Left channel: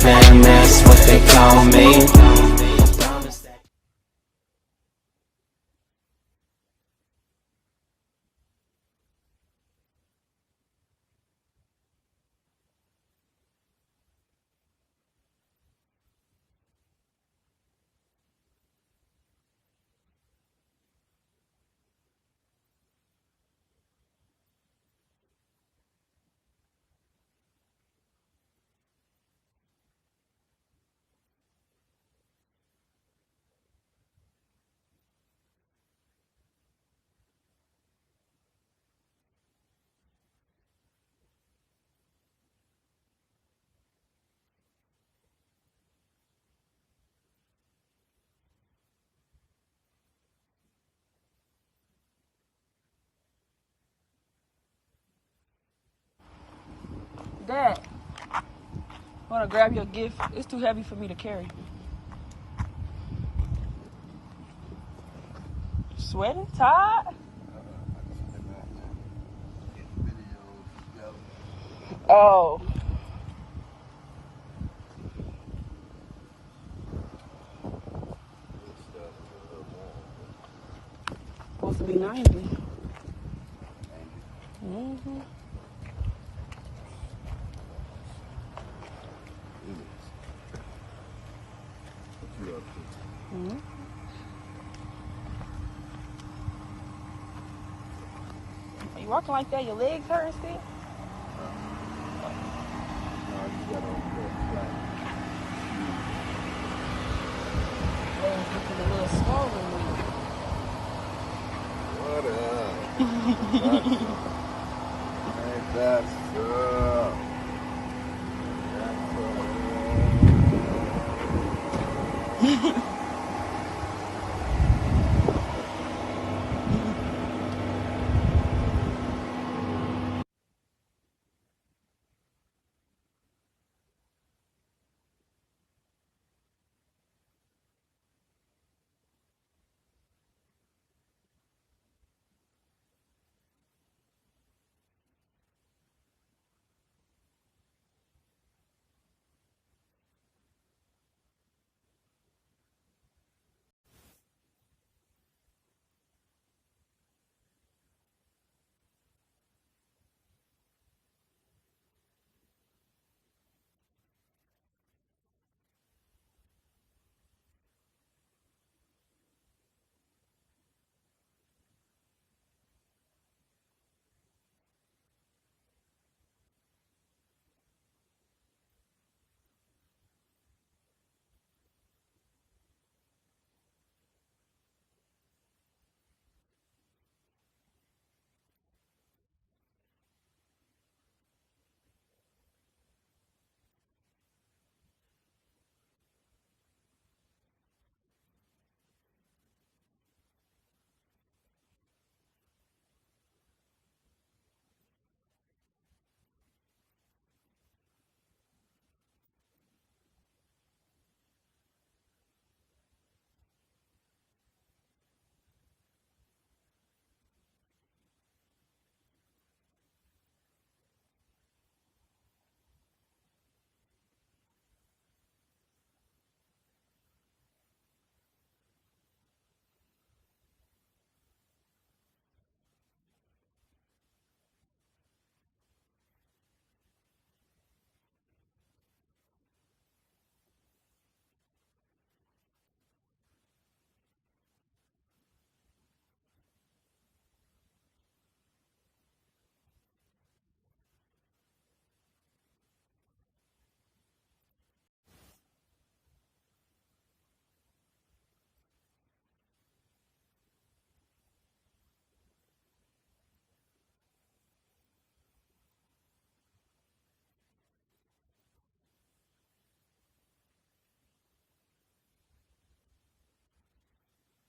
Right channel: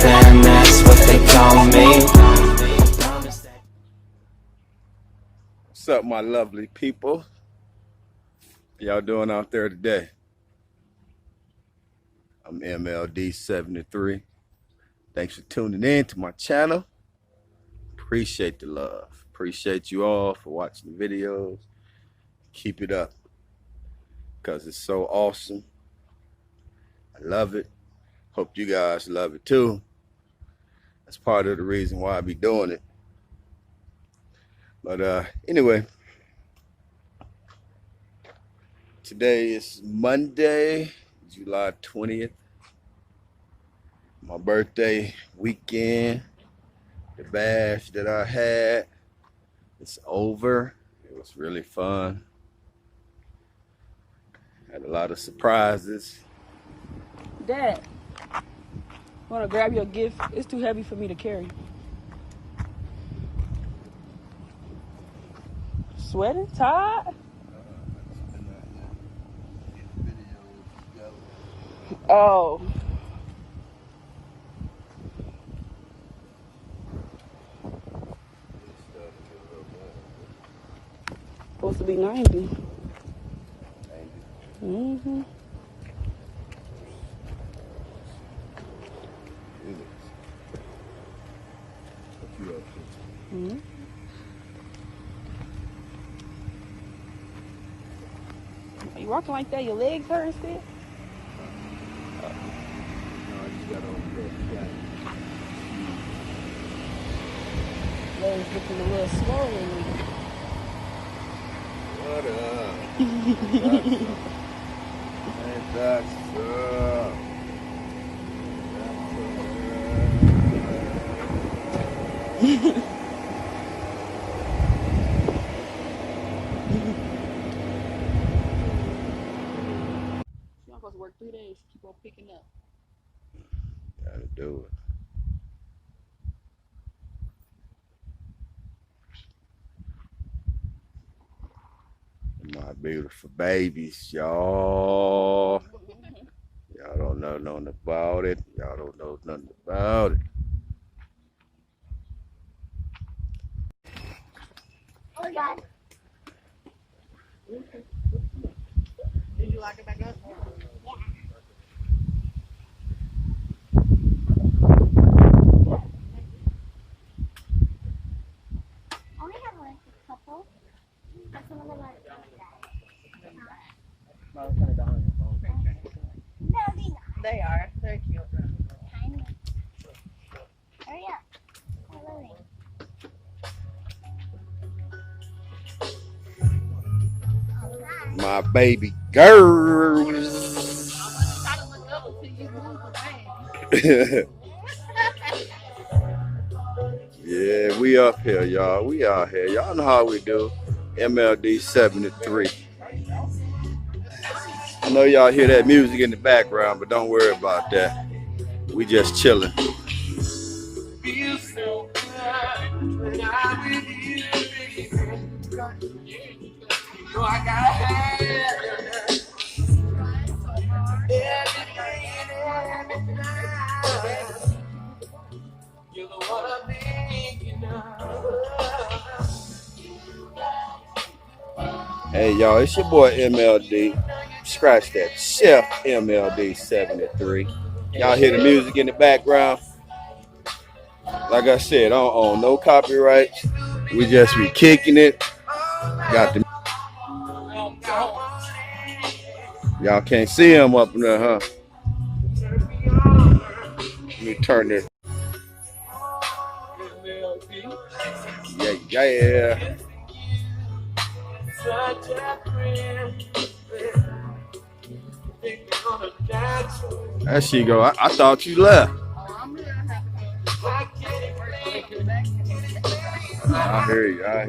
fam, that's what they call me. What's up, my lovely people? Y'all doing out there today? I'm MLD73. Thanks for tuning in to my channel. Appreciate the love. Appreciate you all for watching the videos. Keep it up, because it's so awesome. I love it. Hope you guys love it too. That's part of the reason why I be doing it. But anyway, today is Monday, July 20th. My birthday weekend. The bash that I had, it's over. It was really fun. Had a lot of surprises. Dad, wanna grab your gift? It's too heavy for me to carry. Sweater? Tied? Oh. Supposed to be 90. Mm-hmm. Mm-hmm. You walking like that, your legs hurt and shit? Looking a little swollen. What up? Ain't that stuff? You're supposed to work 3 days, keep on picking up. Gotta do it. My beautiful babies, y'all. Y'all don't know nothing about it. Y'all don't know nothing about it. Oh my God. Did you lock it back up? Yeah. I only have like a couple. But some of them are no, they're not. They are. They're cute. Tiny. Hurry up. Hurry. My baby girls. Yeah, we up here, y'all. We out here. Y'all know how we do. MLD 73. I know y'all hear that music in the background, but don't worry about that. We just chilling. Hey y'all, it's your boy MLD. Scratch that, Chef MLD 73. Y'all hear the music in the background? Like I said, I don't own no copyrights. We just be kicking it. Got the y'all can't see him up in there, huh? Let me turn this. Yeah. There she go. I thought you left. I hear you. I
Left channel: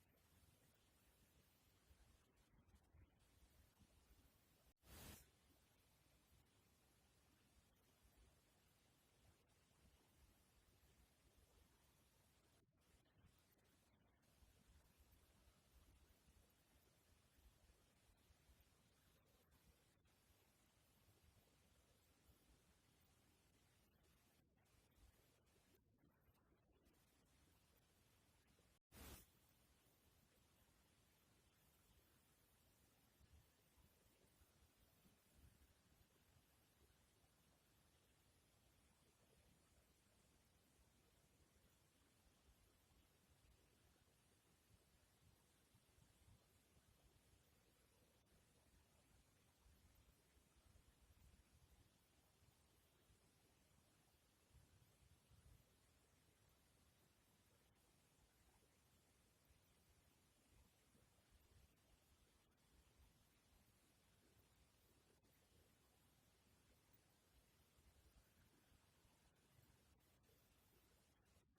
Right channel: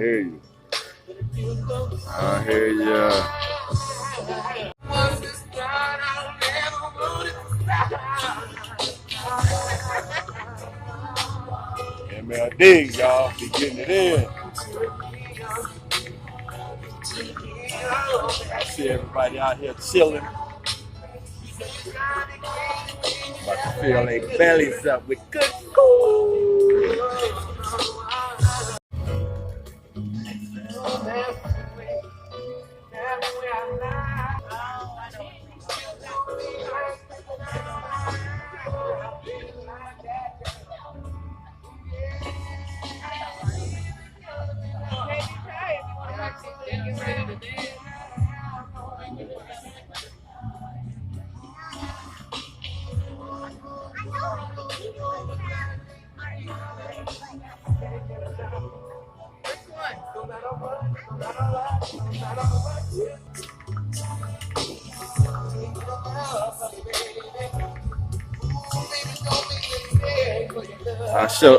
hear you. MLD, y'all, be getting it in. I see everybody out here chilling. About to fill their bellies up with good food.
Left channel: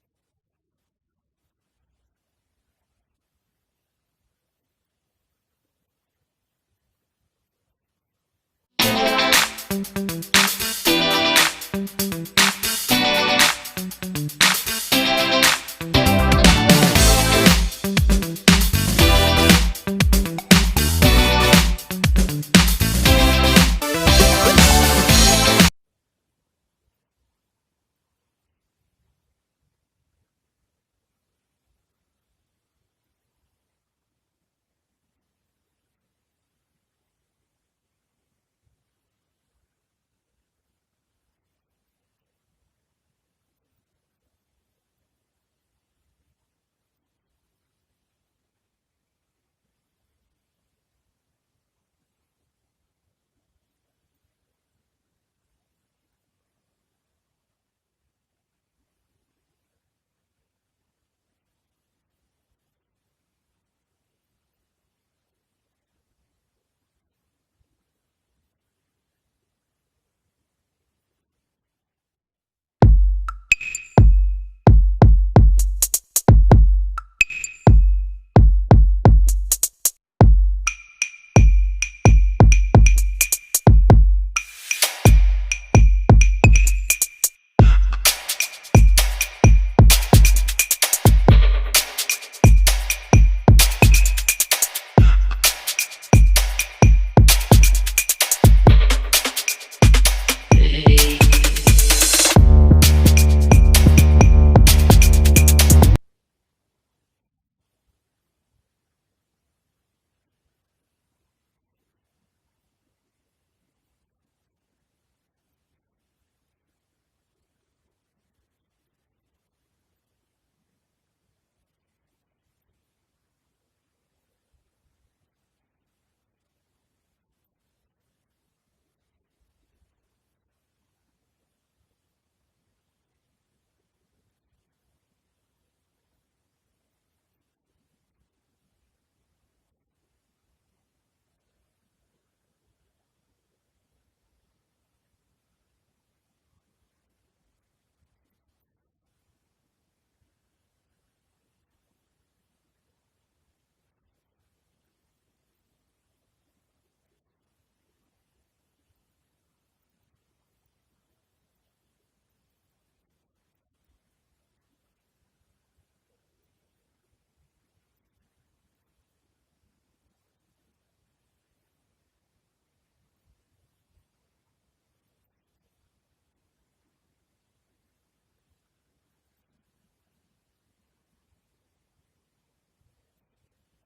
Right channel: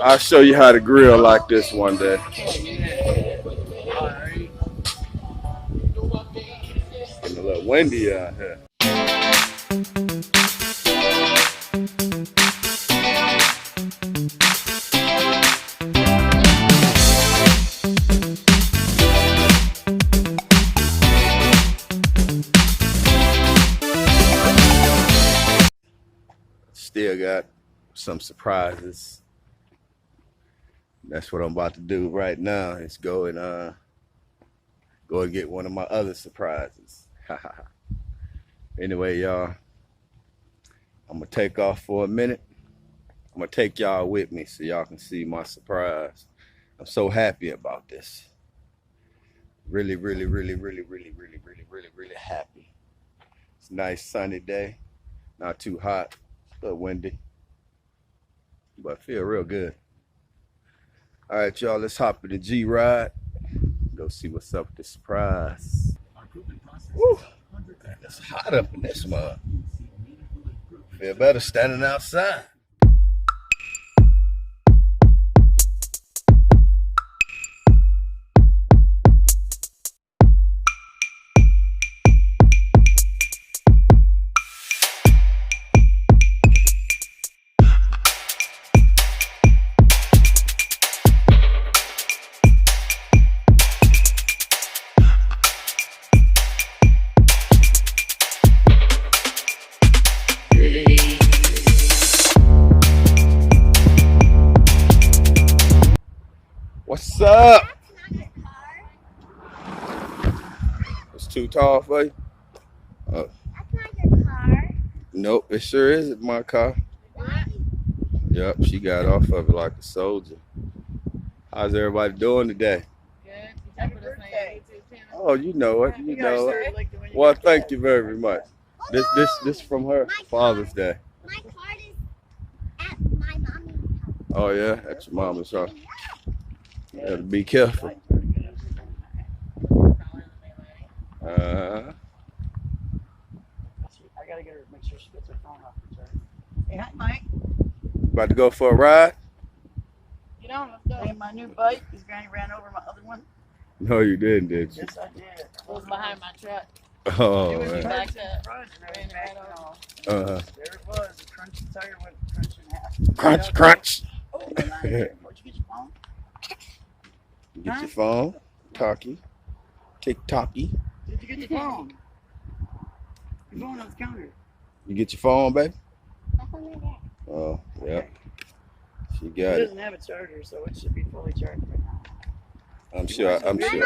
I'll show you how to grill like this one day. Getting a little windy out here. Still got some surprises. That's what I'm about to do right now. Is go and get one of my other surprises. Anyway, y'all, I'm gonna take off for a minute. I'm gonna take y'all with me so y'all can see my surprise. I'm so happy about this. Really happy. It's a nice sunny day. Not too hot, a little windy, but feel real good. All right, y'all, let's hop in the G-Ride. Go see what's up with the surprise. Woo. Man, it's hot up in this mug. Feel better standing outside. What's up? It's too tall for you? That's not your car. Nope, it sure isn't my car. Yep, she got off of it like a soldier. How's everybody doing today? Oh, you know it. You know it. Well, thank you very much. This from her Father's Day. My card is at my mommy's house. Oh yeah, that's your mama's house. You gotta be careful. I gotta get her, make sure she gets her phone off the charger. Hey, hi, Mike. About to go for a ride? Get on, let's go. Hey, my new bike, because Granny ran over my other one. No, you didn't, did you? Yes, I did. It was behind my truck. Oh, It was man. backed up. Ran right over. Uh-huh. There it was. The crunchy tire went crunch in half. Crunch, crunch. Oh, the line there. Where'd you get your phone? Get your phone. Talkie. Tick-tocky. Did you get your phone? Your phone on the counter. You get your phone, baby? That's under there. Oh, yeah. She It got it. doesn't have a charger, so it should be fully charged right now. I'm sure. My mom's going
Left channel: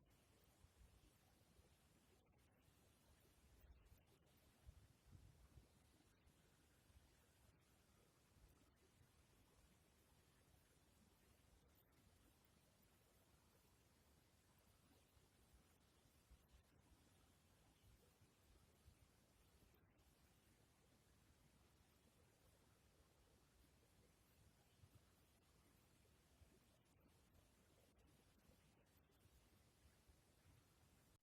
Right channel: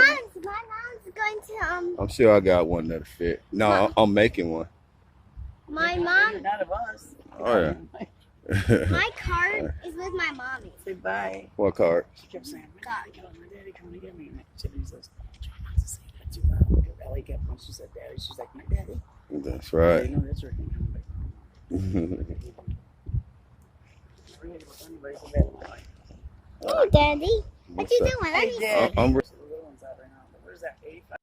to I'm sure I got one that'll fit. No, I'm making one. my You're mom. not of us. Oh, yeah. My card is with my mommy. Say bye. What card? She kept saying, my daddy coming to get me. And she says, try not to say that too loud. Because Ellie kept when she said daddy, she's like, my daddy. That's right. You know, that's her thing. Oh, Daddy. What What's you up? doing? Hey, Let me Dad. I'm What is that, 85?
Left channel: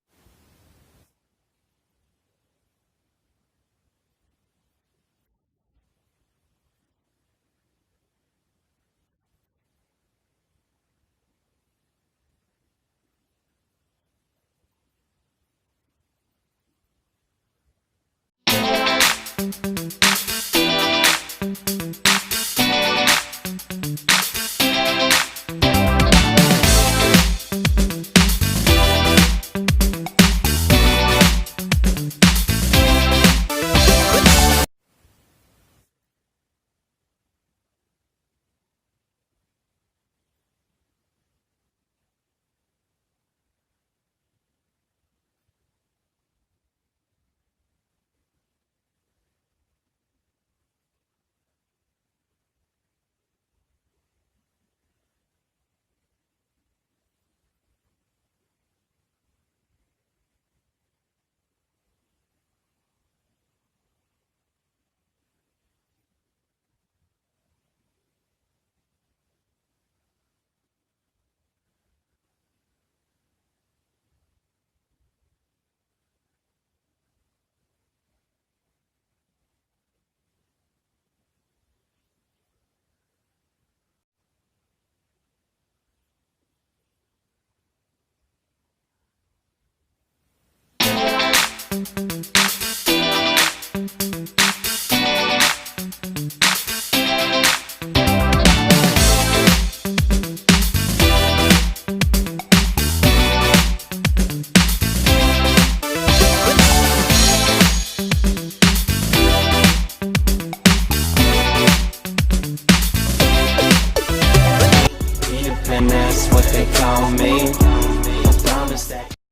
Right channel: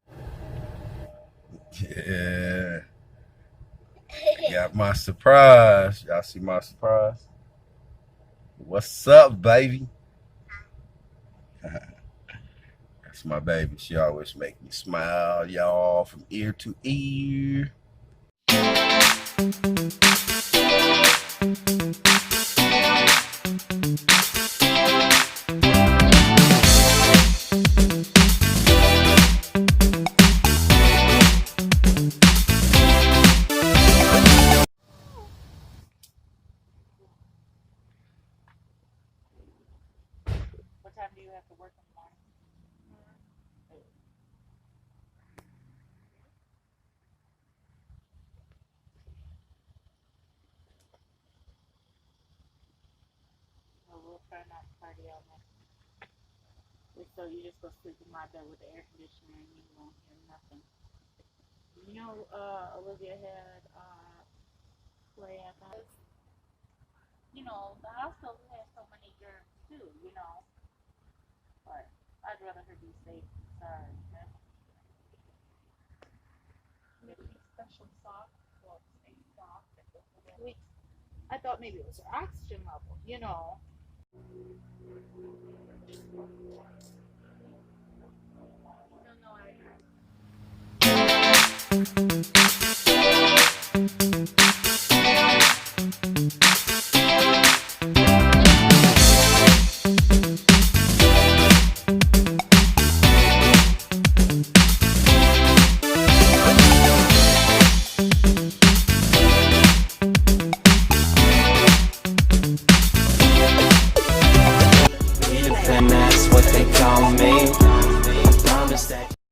Yeah. Got my surprise. Y'all see my surprise? What's up, baby? That's my baby. She always make me smile, y'all, from ear to ear. do you have to work in the morning? Well, we'll try not to party all night. So you just go sleep in my bed with the air conditioner and you won't hear nothing. You know, Olivia had play at that. You know, the hospital has so many germs too, you know. But I'd rather her be safe than sorry. Special soft, well, stay soft. I thought maybe it was her oxygen level, you know. Independent, that's what they call me. I promise that